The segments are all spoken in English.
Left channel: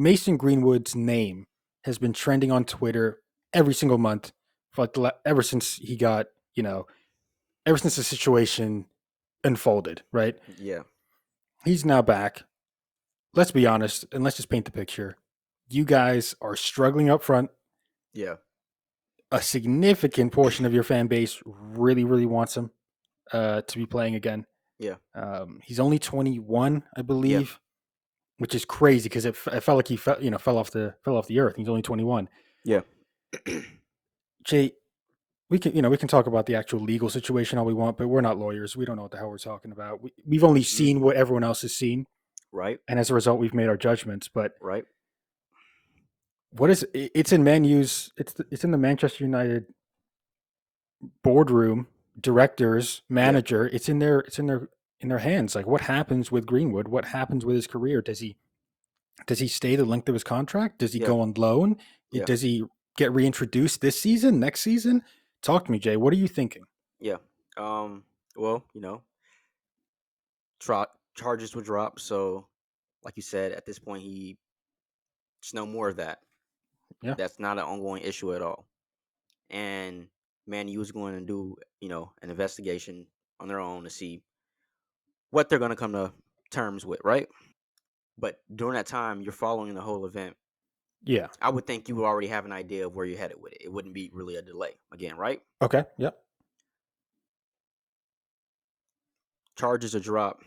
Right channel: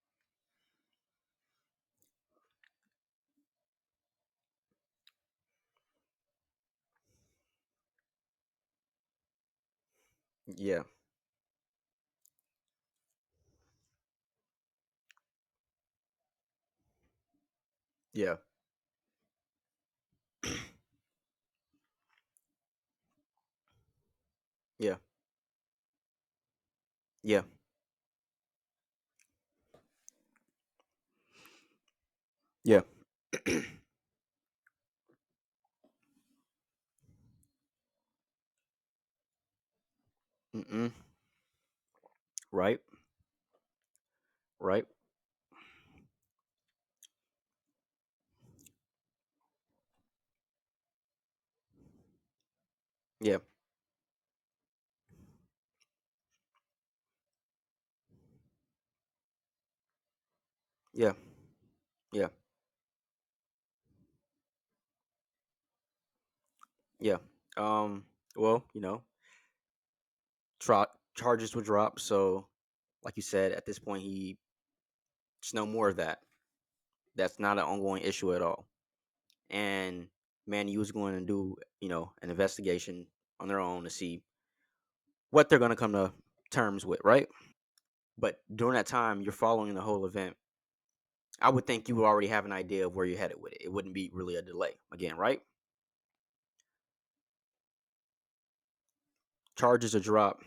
Mason Greenwood's name has been trending on Twitter every single month for like ever since he got, ever since the situation unfolded, right? Yeah. He's now back. Let's be honest and let's just paint the picture. You guys are struggling up front. Yeah. A significant portion of your fan base really, really wants him to be playing again. Yeah. He's only 21, I Yeah. believe, which is crazy because it felt like he fell off the earth. He's only 21. Yeah. Jay, we can talk about the actual legal situation all we want, but we're not lawyers. We don't know what the hell we're talking about. We've only Mm-mm. seen what everyone else has seen, Right. and as a result, we've made our judgments. But Right. what is it's in Man U's it's in the Manchester United boardroom, directors, Yeah. manager. It's in their hands. Like what happens with Greenwood? What happens with his career? Does he stay the length of his contract? Does he Yeah. go on loan? Yeah. Does he get reintroduced this season, next season? Talk to me, Jay. What are you thinking? Yeah. Well, charges were dropped, so like you said, at this point, it's no more of that. Yeah. That's not an ongoing issue at all. And Man U is going to do, an investigation on their own to see what they're going to come to terms with, right? But during that time, you're following the whole event. Yeah. I would think you would already have an idea of where you're headed with it. It wouldn't be really a delay again, right? Okay. Yep. Charges are dropped.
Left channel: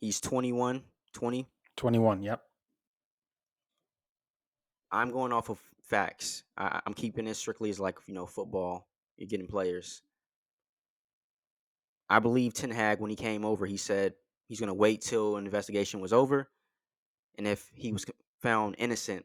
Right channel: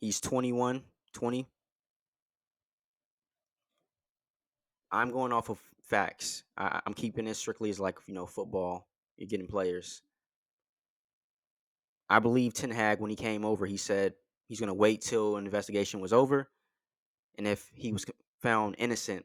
He's 21, 20. 21. Yep. I'm going off of facts. I'm keeping it strictly as like, football. You're getting players. I believe Ten Hag, when he came over, he said he's going to wait till an investigation was over. And if he was found innocent,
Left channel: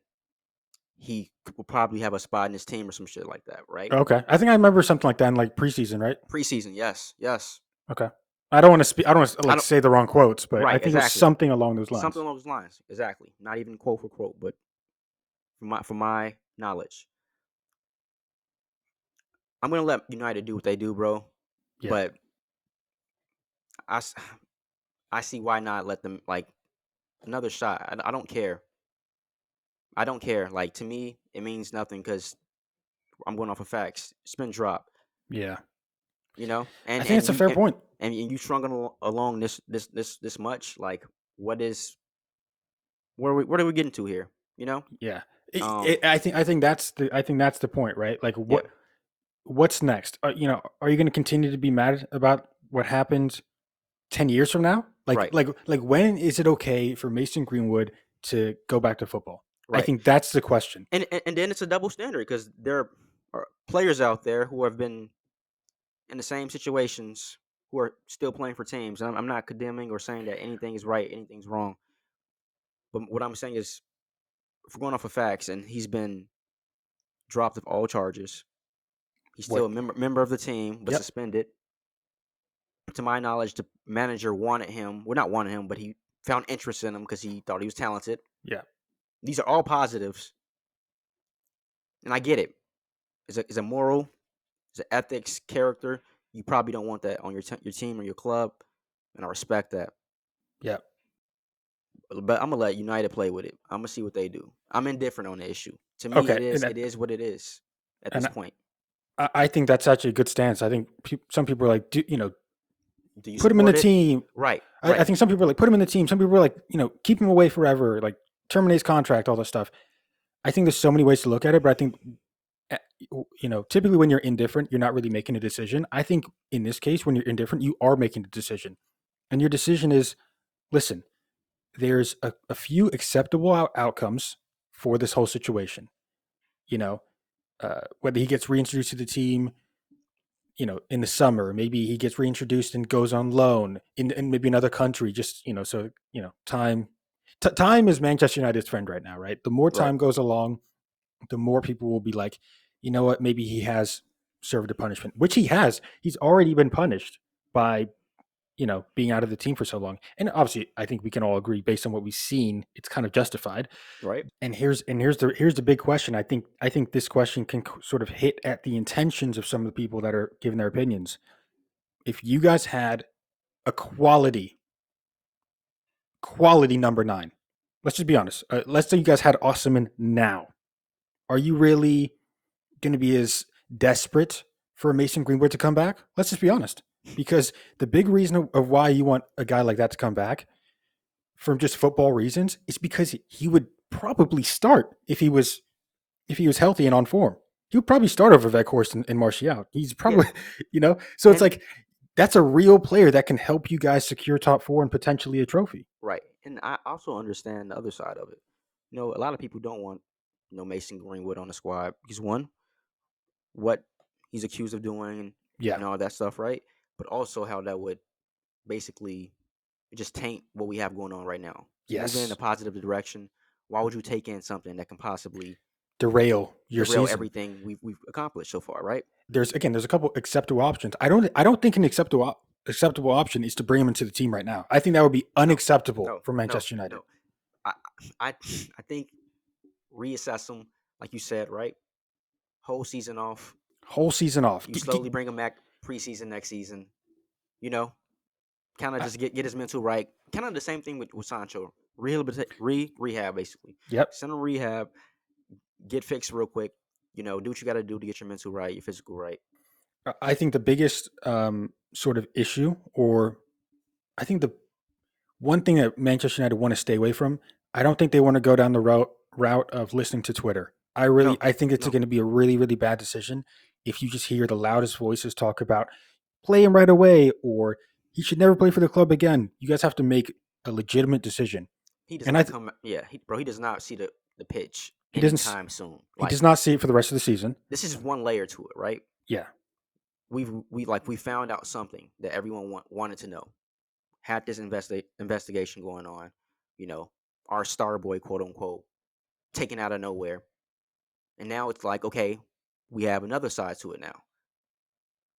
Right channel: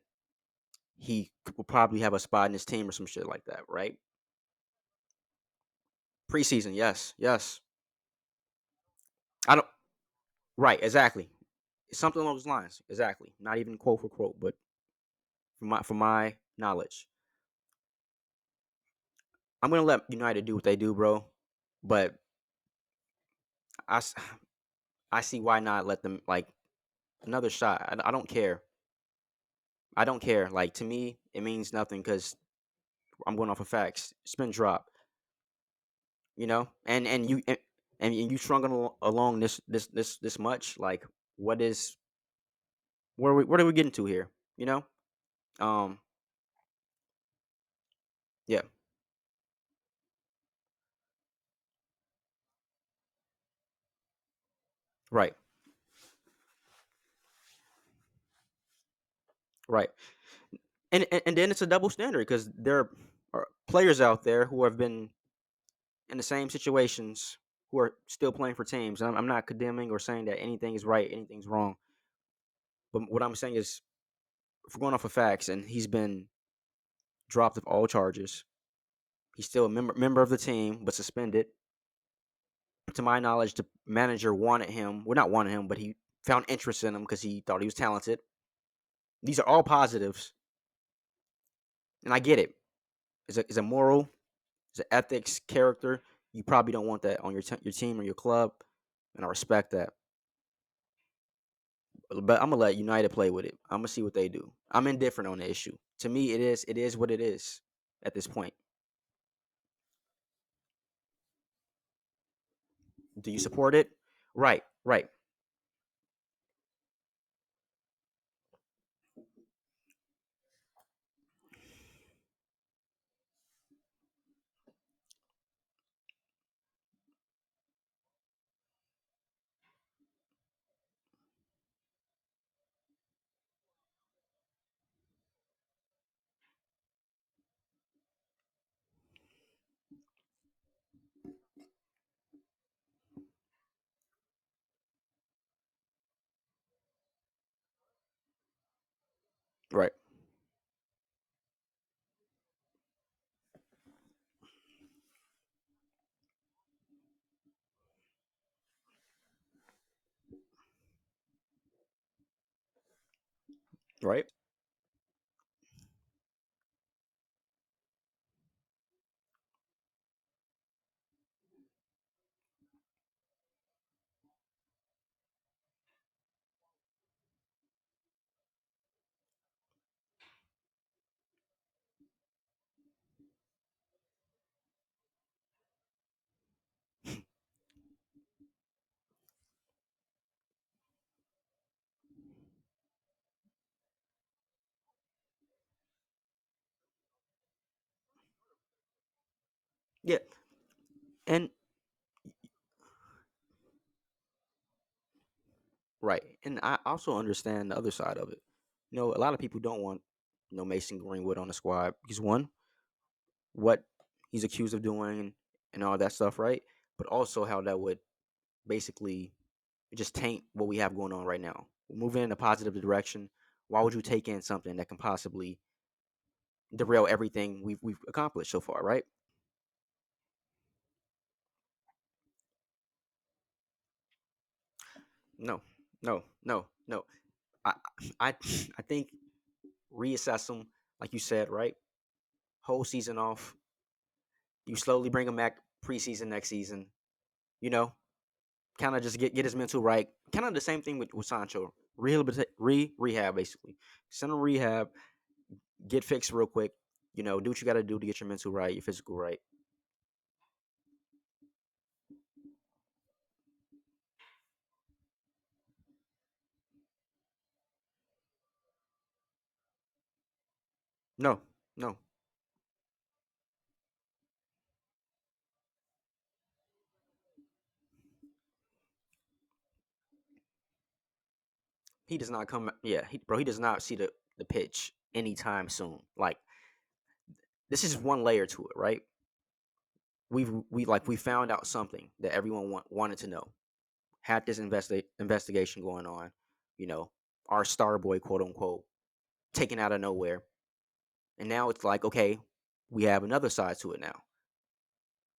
he will probably have a spot in his team or some shit like that, right? Okay. I think I remember something like that in like preseason, right? Preseason, yes, yes. Okay. I don't want to speak. I don't want to I like don't. say the wrong quotes, but I Right, think it was exactly. something along those Something lines. along those lines, exactly. Not even quote for quote, but from my knowledge, I'm gonna let United do what they do, bro. Yeah. But I, s- I see why not let them like another shot. I don't care. I don't care. Like to me, it means nothing because I'm going off of facts. It's been dropped, Yeah. I and think and it's a you fair and, point. and you strung along this much. Like, what is what are we getting to here? You know? Yeah. Um. I think that's the point, right? Like Yeah. what's next? Are you going to continue to be mad about what happened 10 years from now? Like Right. like like when is it okay for Mason Greenwood to go back to football? I Right. think that's the question. And then it's a double standard because there are players out there who have been in the same situations who are still playing for teams. And I'm not condemning or saying that anything is right, anything's wrong. But what I'm saying is, if we're going off of facts, and he's been dropped of all charges, he's still What? a member of the team, but Yep. suspended. To my knowledge, the manager wanted him. Well, not wanted him, but he found interest in him because he thought he was talented. Yeah. These are all positives, and I get it. It's a moral, it's an ethics, character. You probably don't want that on your team or your club, and I respect that. Yeah. But I'm gonna let United play with it. I'm gonna see what they do. I'm indifferent on the issue. To me, Okay. it is it is what it is at this And point. I think that's actually a good stance. I think some people are like, Do you put him in the support it? team. Right, I right, think some people are like, put him in the team. Some people are like, keep him away forever, like terminate his contract, all this stuff. I think there's so many ways to look at it, but I think, eh, typically when you're indifferent, you're not really making a decision. I think in this case, when you're indifferent, you are making a decision. And your decision is, listen, there's a few acceptable outcomes for this whole situation. You know, whether he gets reintroduced to the team, in the summer, maybe he gets reintroduced and goes on loan in maybe another country. Just so time. Time is Manchester United's friend right now, right? The more right, time goes along, the more people will be like, you know what, maybe he has served a punishment, which he has. He's already been punished by being out of the team for so long. And obviously, I think we can all agree, based on what we've seen, it's kind of justified. right. And here's the big question. I think this question can sort of hit at the intentions of some of the people that are giving their opinions. If you guys had a quality number 9, let's just be honest. Let's say you guys had Osman now. Are you really going to be as desperate for Mason Greenwood to come back? Let's just be honest. Because the big reason of why you want a guy like that to come back from just football reasons is because he would probably start if he was healthy and on form. He would probably start over Veghorst and Martial. He's Yeah, probably, so it's and like that's a real player that can help you guys secure top four and potentially a trophy. right, and I also understand the other side of it. A lot of people don't want Mason Greenwood on the squad because one, what he's accused of doing Yeah. and all that stuff, right? But also how that would basically just taint what we have going on right now. Moving in a Yes. positive direction, why would you take in something that can possibly Derail your derail season. everything we've accomplished so far, right? There's a couple acceptable options. I don't think an acceptable option is to bring him into the team right now. I think that would be No, unacceptable no, for no, Manchester United. no. I I I think reassess them, like you said, right? Whole season off. Whole season off. You slowly bring him back preseason next season. You know, kind of I- just get his mental right. Kind of the same thing with Sancho. Rehab basically. yep. Send him rehab. Get fixed real quick. Do what you got to do to get your mental right, your physical right. I think the biggest sort of issue, or I think the one thing that Manchester United want to stay away from, I don't think they want to go down the route of listening to Twitter. No, I think it's no. going to be a really, really bad decision if you just hear the loudest voices talk about play him right away or he should never play for the club again. You guys have to make a legitimate decision. He does And not come. Yeah, bro. He does not see the pitch he doesn't anytime soon. he Like does not see it for the rest of the season. this is one layer to it, right? Yeah. We found out something that everyone wanted to know. Had this investigation going on. You know, our star boy, quote unquote, taken out of nowhere, and now it's like, okay, we have another side to it now.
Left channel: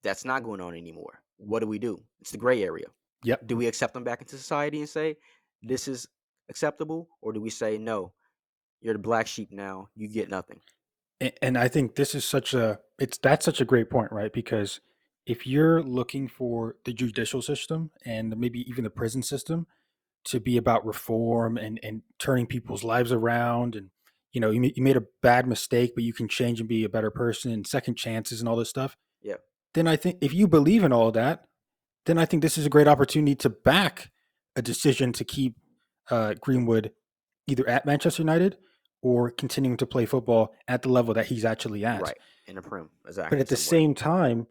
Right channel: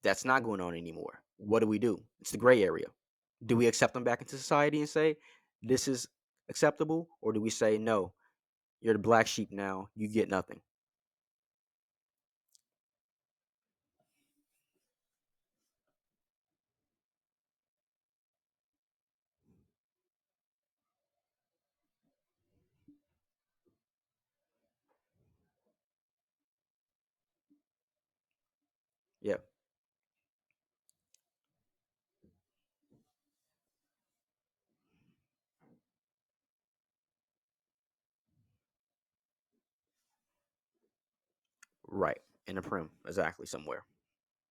That's not going on anymore. What do we do? It's the gray area. Yep. Do we accept them back into society and say this is acceptable, or do we say no? You're the black sheep now. You get nothing. And I think this is that's such a great point, right? Because if you're looking for the judicial system and maybe even the prison system to be about reform and turning people's lives around, and you made a bad mistake but you can change and be a better person and second chances and all this stuff, Yeah, then I think if you believe in all of that, then I think this is a great opportunity to back a decision to keep Greenwood either at Manchester United or continuing to play football at the level that he's actually at. right. In the prim, But exactly at the somewhere. same time,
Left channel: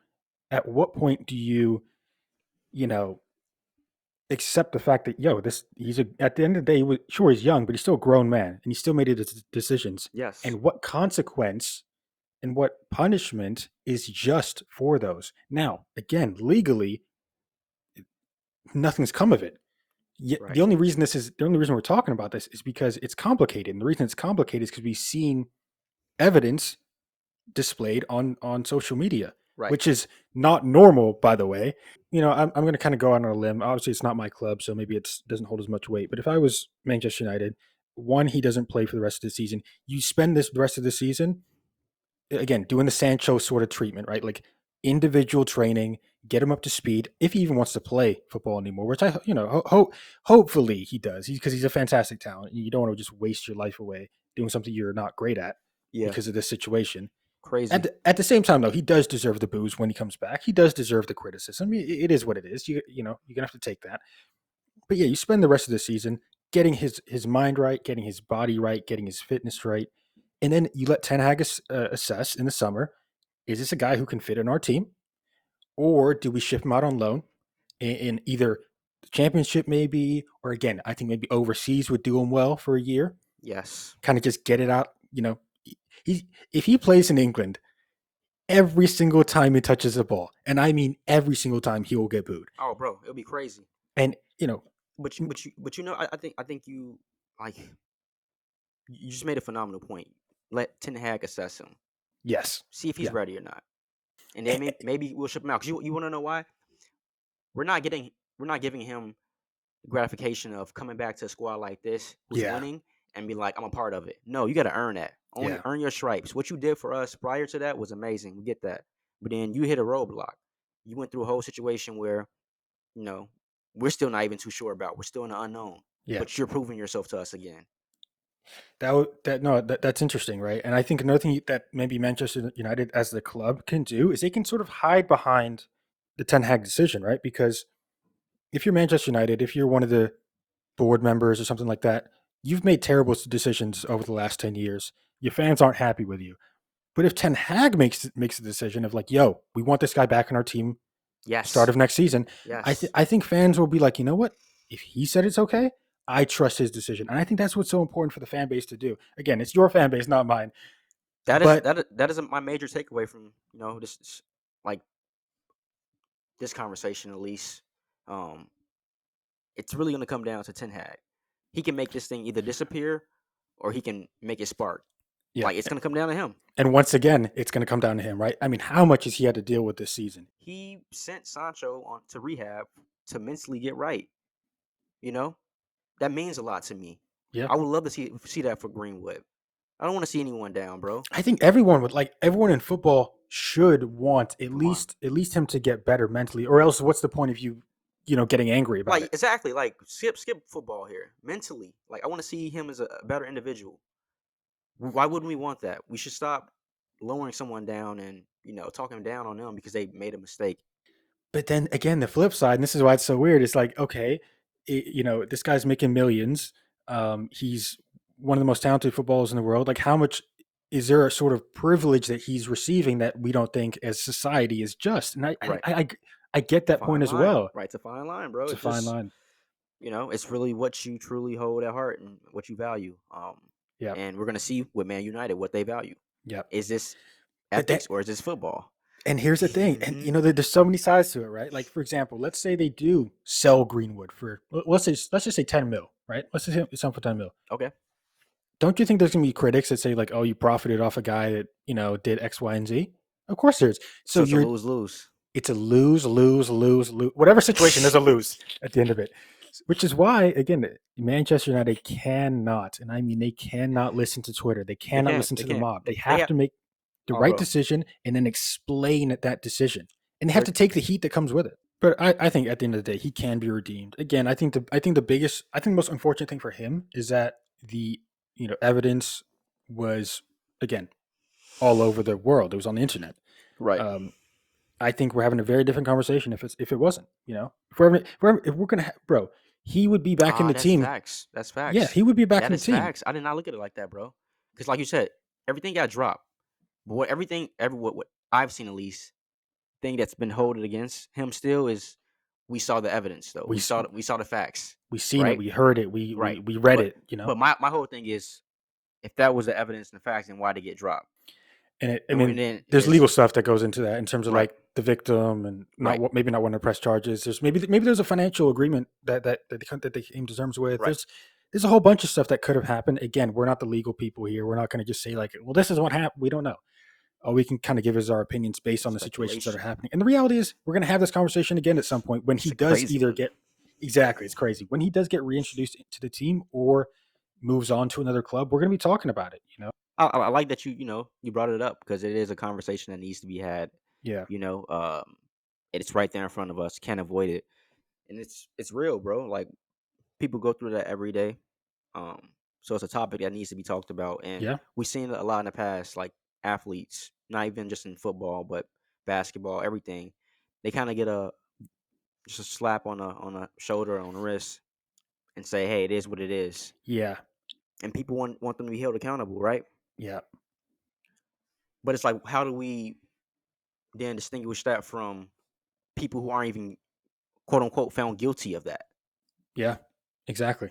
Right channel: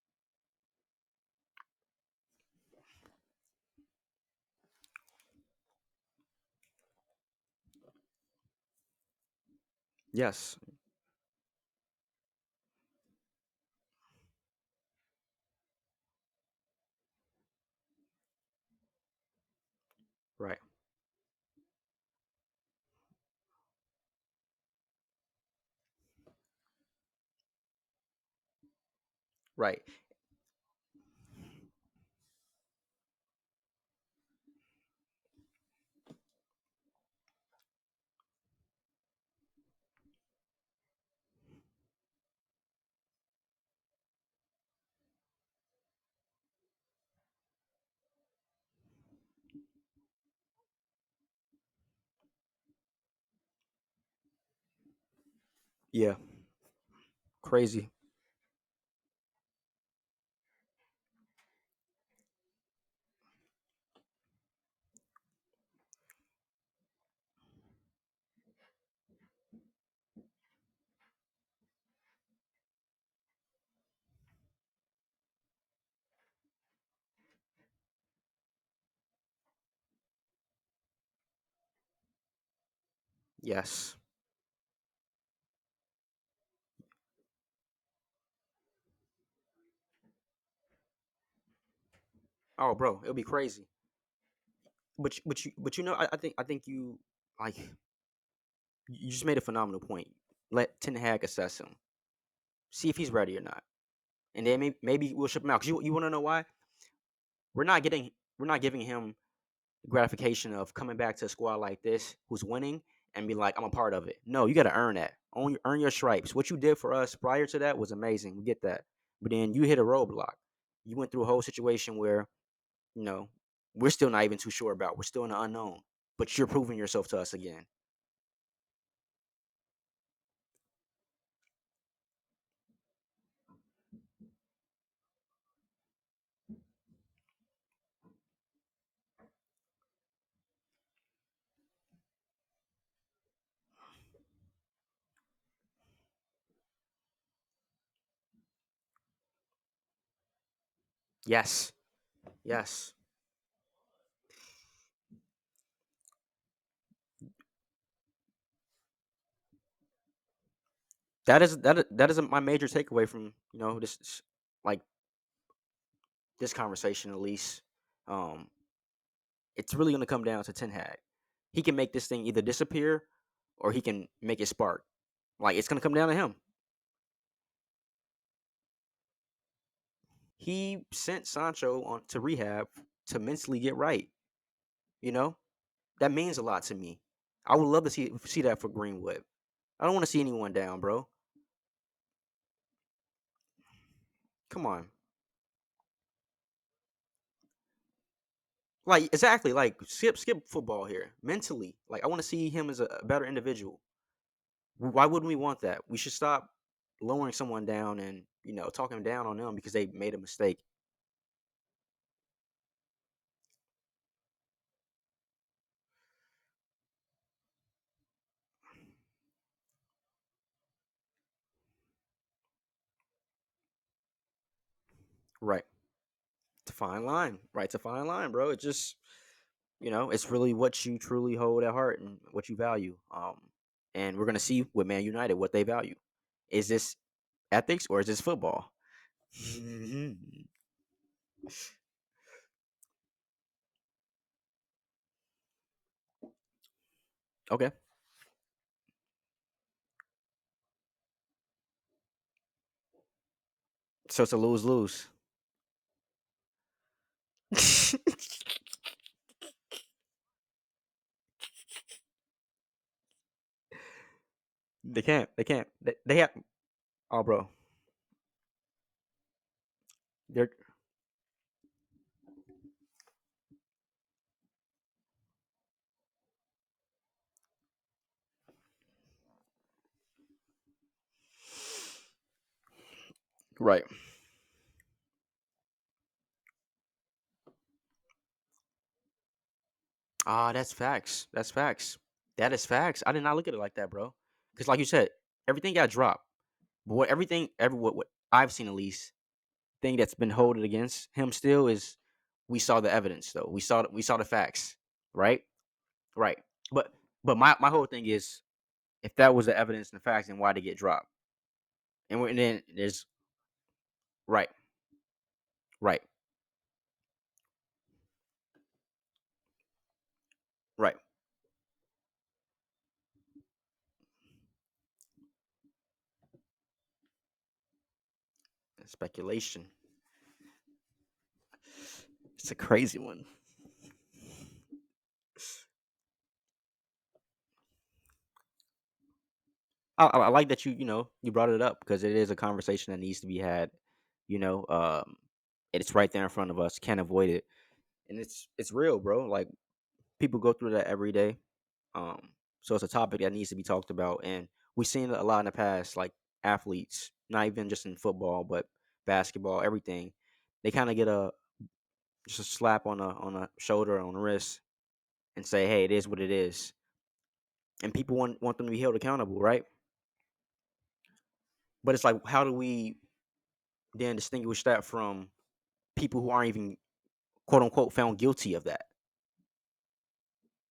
at what point do you know, accept the fact that he's at the end of the day, sure he's young, but he's still a grown man and he still made his decisions. Yes, And what consequence and what punishment is just for those? Now, again, legally, nothing's come of it. right, The only reason we're talking about this is because it's complicated. And the reason it's complicated is because we've seen evidence displayed on social media, right. which is not normal, by the way. I'm going to kind of go on a limb. Obviously, it's not my club, so maybe it doesn't hold as much weight. But if I was Manchester United, one, he doesn't play for the rest of the season. You spend the rest of the season again doing the Sancho sort of treatment, right? Like individual training, get him up to speed. If he even wants to play football anymore, which hopefully he does, because he's a fantastic talent. You don't want to just waste your life away doing something you're not great at Yeah, because of this situation. At crazy. the same time, though, he does deserve the booze when he comes back. He does deserve the criticism. It is what it is. You're gonna have to take that. But yeah, you spend the rest of the season getting his mind right, getting his body right, getting his fitness right, and then you let Ten Hag assess in the summer: is this a guy who can fit in our team, or do we ship him out on loan in either the championship, maybe, or again, I think maybe overseas would do him well for a year, Yes. kind of just get it out. He if he plays in England every single time he touches the ball, and I mean every single time, he will get booed. Oh, bro, it'll be crazy. And But you, like you just made a phenomenal point. Let Ten Hag assess him, yes, see if he's yeah, ready or not, and then Eh, maybe we'll ship him out. Cause you want to know why? We're not giving him gratification of coming back to a squad like this who's yeah, winning and be like, I'm a part of it. No, you got to earn that. yeah, Earn your stripes. What you did for us prior to that was amazing. We get that. But then you hit a roadblock. You went through a whole situation where, you know, we're still not even too sure about. We're still in the unknown. yeah. But you're proving yourself to us again. That's interesting, right? And I think another thing that maybe Manchester United as the club can do is they can sort of hide behind the Ten Hag decision, right? Because if you're Manchester United, if you're one of the board members or something like that, you've made terrible decisions over the last 10 years. Your fans aren't happy with you. But if Ten Hag makes a decision of like, yo, we want this guy back in our team start Yes, of next season, yes. I think fans will be like, you know what? If he said it's okay, I trust his decision, and I think that's what's so important for the fan base to do. Again, it's your fan base, not mine. But That is my major takeaway from like this conversation at least. Um, it's really going to come down to Ten Hag. He can make this thing either disappear or he can make it spark. yeah, Like it's going to come down to him. and once again, it's going to come down to him, right? I mean, how much has he had to deal with this season? He sent Sancho on to rehab to mentally get right. You know that means a lot to me. Yeah, I would love to see that for Greenwood. I don't want to see anyone down, bro. I think everyone would like everyone in football should want at Come on. least him to get better mentally, or else what's the point of you getting angry about Like it? exactly, like skip football here. Mentally, like I want to see him as a better individual. Why wouldn't we want that? We should stop lowering someone down and talking down on them because they made a mistake. But then again, the flip side, and this is why it's so weird. It's like, okay, this guy's making millions. He's one of the most talented footballers in the world. Like, how much is there a sort of privilege that he's receiving that we don't think as society is just? And Right, I get that point fine as line. well. Right, it's a fine line, bro. It's a It's fine just line. it's really what you truly hold at heart and what you value. Yeah, And we're gonna see with Man United what they value. yeah. Is this But then, ethics or is this football? and here's the thing, and Hmm. there's so many sides to it, right? Like, for example, let's say they do sell Greenwood for let's just say 10 mil, right? Let's just say it's for 10 mil. Okay, Don't you think there's gonna be critics that say like, "Oh, you profited off a guy that did X, Y, and Z"? Of course, there's. So so it's a you're lose lose. it's a lose, lose, lose, lose. Whatever situation, there's a lose at the end of it. Which is why, again, Manchester United cannot, and I mean they cannot listen to Twitter. They They cannot can't. listen They to the can't. mob. They They have have. to make the Oh, right bro. decision and then explain that decision. And they have They're to take the heat that comes with it. But I think at the end of the day, he can be redeemed. Again, I think the most unfortunate thing for him is that the evidence was again all over the world. It was on the internet. right. Um, I think we're having a very different conversation if it wasn't. If we're gonna bro, he would be back in Ah, the that's team. facts. That's Yeah, facts. he would be back That in the is team. facts. I did not look at it like that, bro. Because, like you said, everything got dropped. But what I've seen at least, thing that's been holding against him still is we saw the evidence though. We We saw the facts, we seen it. right? We heard it. We Right. we we read But it. my whole thing is if that was the evidence and the facts, then why did it get dropped? I And mean, then there's is legal stuff that goes into that in terms of right, like the victim and right, maybe not wanting to press charges. There's maybe there's a financial agreement that they came to terms with. right. There's a whole bunch of stuff that could have happened. Again, we're not the legal people here. We're not going to just say like, well, this is what happened. We don't know. All we can kind of give is our opinions based on the situations that are Speculation. happening. And the reality is, we're going to have this conversation again at some point when It's he a does crazy either one. get exactly. It's crazy when he does get reintroduced to the team or moves on to another club. We're going to be talking about it. I like that you brought it up because it is a conversation that needs to be had. Yeah. You know, it's right there in front of us. Can't avoid it, and it's real, bro. Like people go through that every day. So it's a topic that needs to be talked about, and Yeah. we've seen it a lot in the past. Like athletes, not even just in football, but basketball, everything. They kind of get just a slap on a shoulder, on the wrist, and say, "Hey, it is what it is." Yeah. And people want them to be held accountable, right? Yeah. But it's like, how do we then distinguish that from people who aren't even quote unquote found guilty of that? Yeah. Exactly.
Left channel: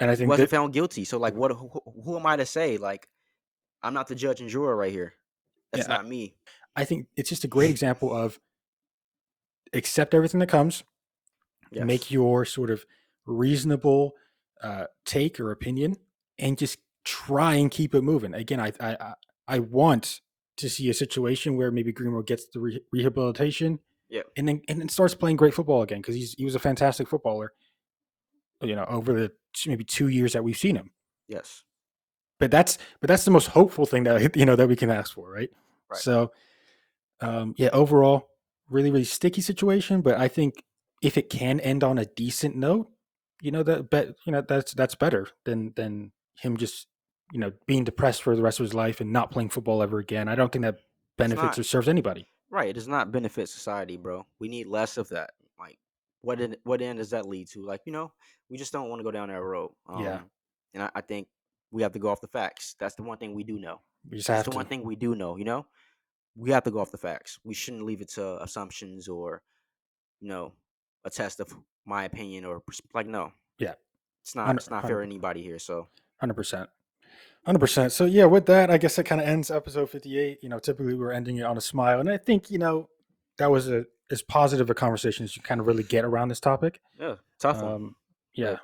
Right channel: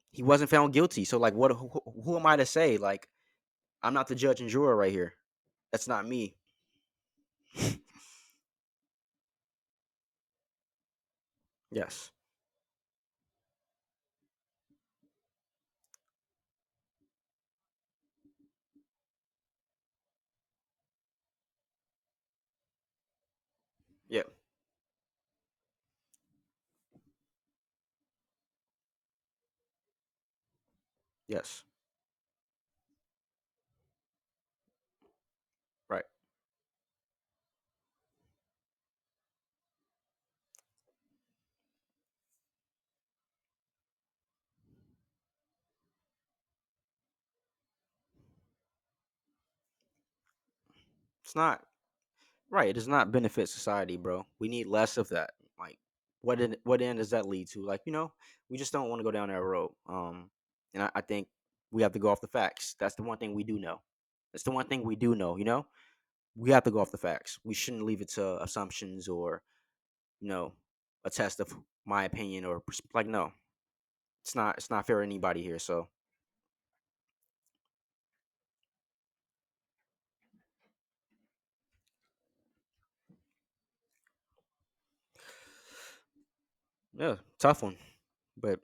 And I He think wasn't that found guilty, so like, who am I to say? Like, I'm not the judge and juror right here. That's yeah, not me. I think it's just a great example of accept everything that comes, make Yes. your sort of reasonable take or opinion, and just try and keep it moving. Again, I want to see a situation where maybe Greenwood gets the rehabilitation Yeah. and then starts playing great football again because he was a fantastic footballer. Over the maybe 2 years that we've seen him. Yes. But that's the most hopeful thing that that we can ask for, right? Right. So yeah, overall, really, really sticky situation. But I think if it can end on a decent note, that's better than him just being depressed for the rest of his life and not playing football ever again. I don't think that It's benefits not or serves anybody. right. It does not benefit society, bro. We need less of that. Like, what end does that lead to? Like, we just don't want to go down that road. Yeah, And I think we have to go off the facts. That's the one thing we do know. we just That's have the one to. thing we do know. We have to go off the facts. We shouldn't leave it to assumptions or you know a test of my opinion or like no, Yeah, it's not. 100 It's not fair to anybody here. So 100%. 100%. So yeah, with that, I guess that kind of ends episode 58. Typically we're ending it on a smile, and I think that was as positive a conversation as you kind of really get around this topic. yeah, tough one, Um, but yeah,